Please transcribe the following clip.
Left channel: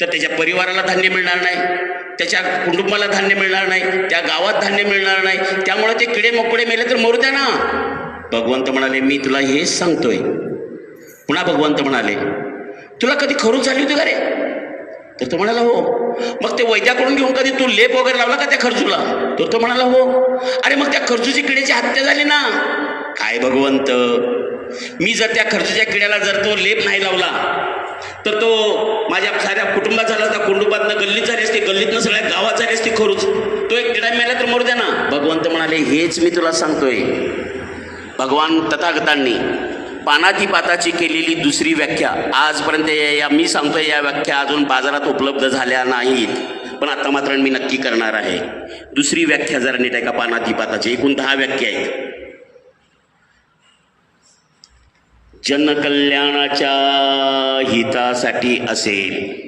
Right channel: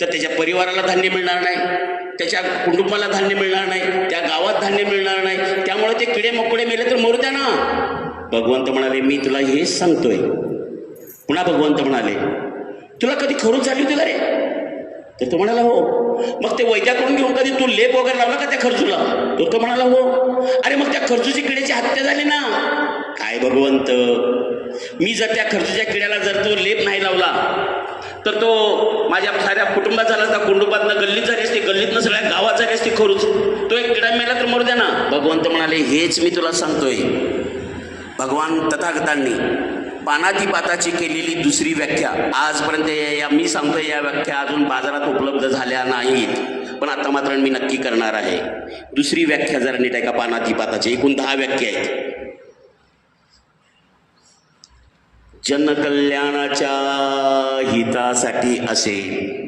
तर त्याच्या परिवाराला धान्य मिळणार नाही, त्याच्या कुटुंबाला धान्य मिळणार नाही, त्या गावात धान्य मिळणार नाही. त्यामुळे ते किडे मोकडे मेले तर मरू द्या ना. भगवंत म्हणाले मी तुला हेच सांगतोय. पुन्हा भगवंत म्हणाले तुला कधी खरूच झाली होती का रे? तर तो म्हणाला हो. मग ते वैद्याकडून घेऊन कधी तू लेप वगैरे लावला का त्या खर्चूला? तर तो म्हणाला हो. अरे मग त्या खर्चूची किड्याची हत्या झाली ना. काय भगवंत, मी जर त्या खर्चूच्या किड्याला जर तो लेप नाही लावला तर तो माझ्या साऱ्या कुटुंबात झाला असता, कुटुंबातनं गल्लीत झाली असती, गल्लीतनं सगळ्या गावात झाली असती खरूच. तो एक किडा मेला तर मरू द्या ना. भगवंत म्हणाले हेच मी तुला सांगतोय. भगवान तथागतांनी पानातिपाताची केलेली दुसरी व्याख्या आजपर्यंत मी सांगतोय या व्याख्या अजून बाजारात उपलब्ध झाल्या नाहीत, पण आता मात्र मी नक्की करणार आहे. दुसरी व्याख्या जरा नीट आहे का पानातिपाताची? एकूण 10 व्याख्या आहेत. जनकल्याणाच्या हितासाठी असेल.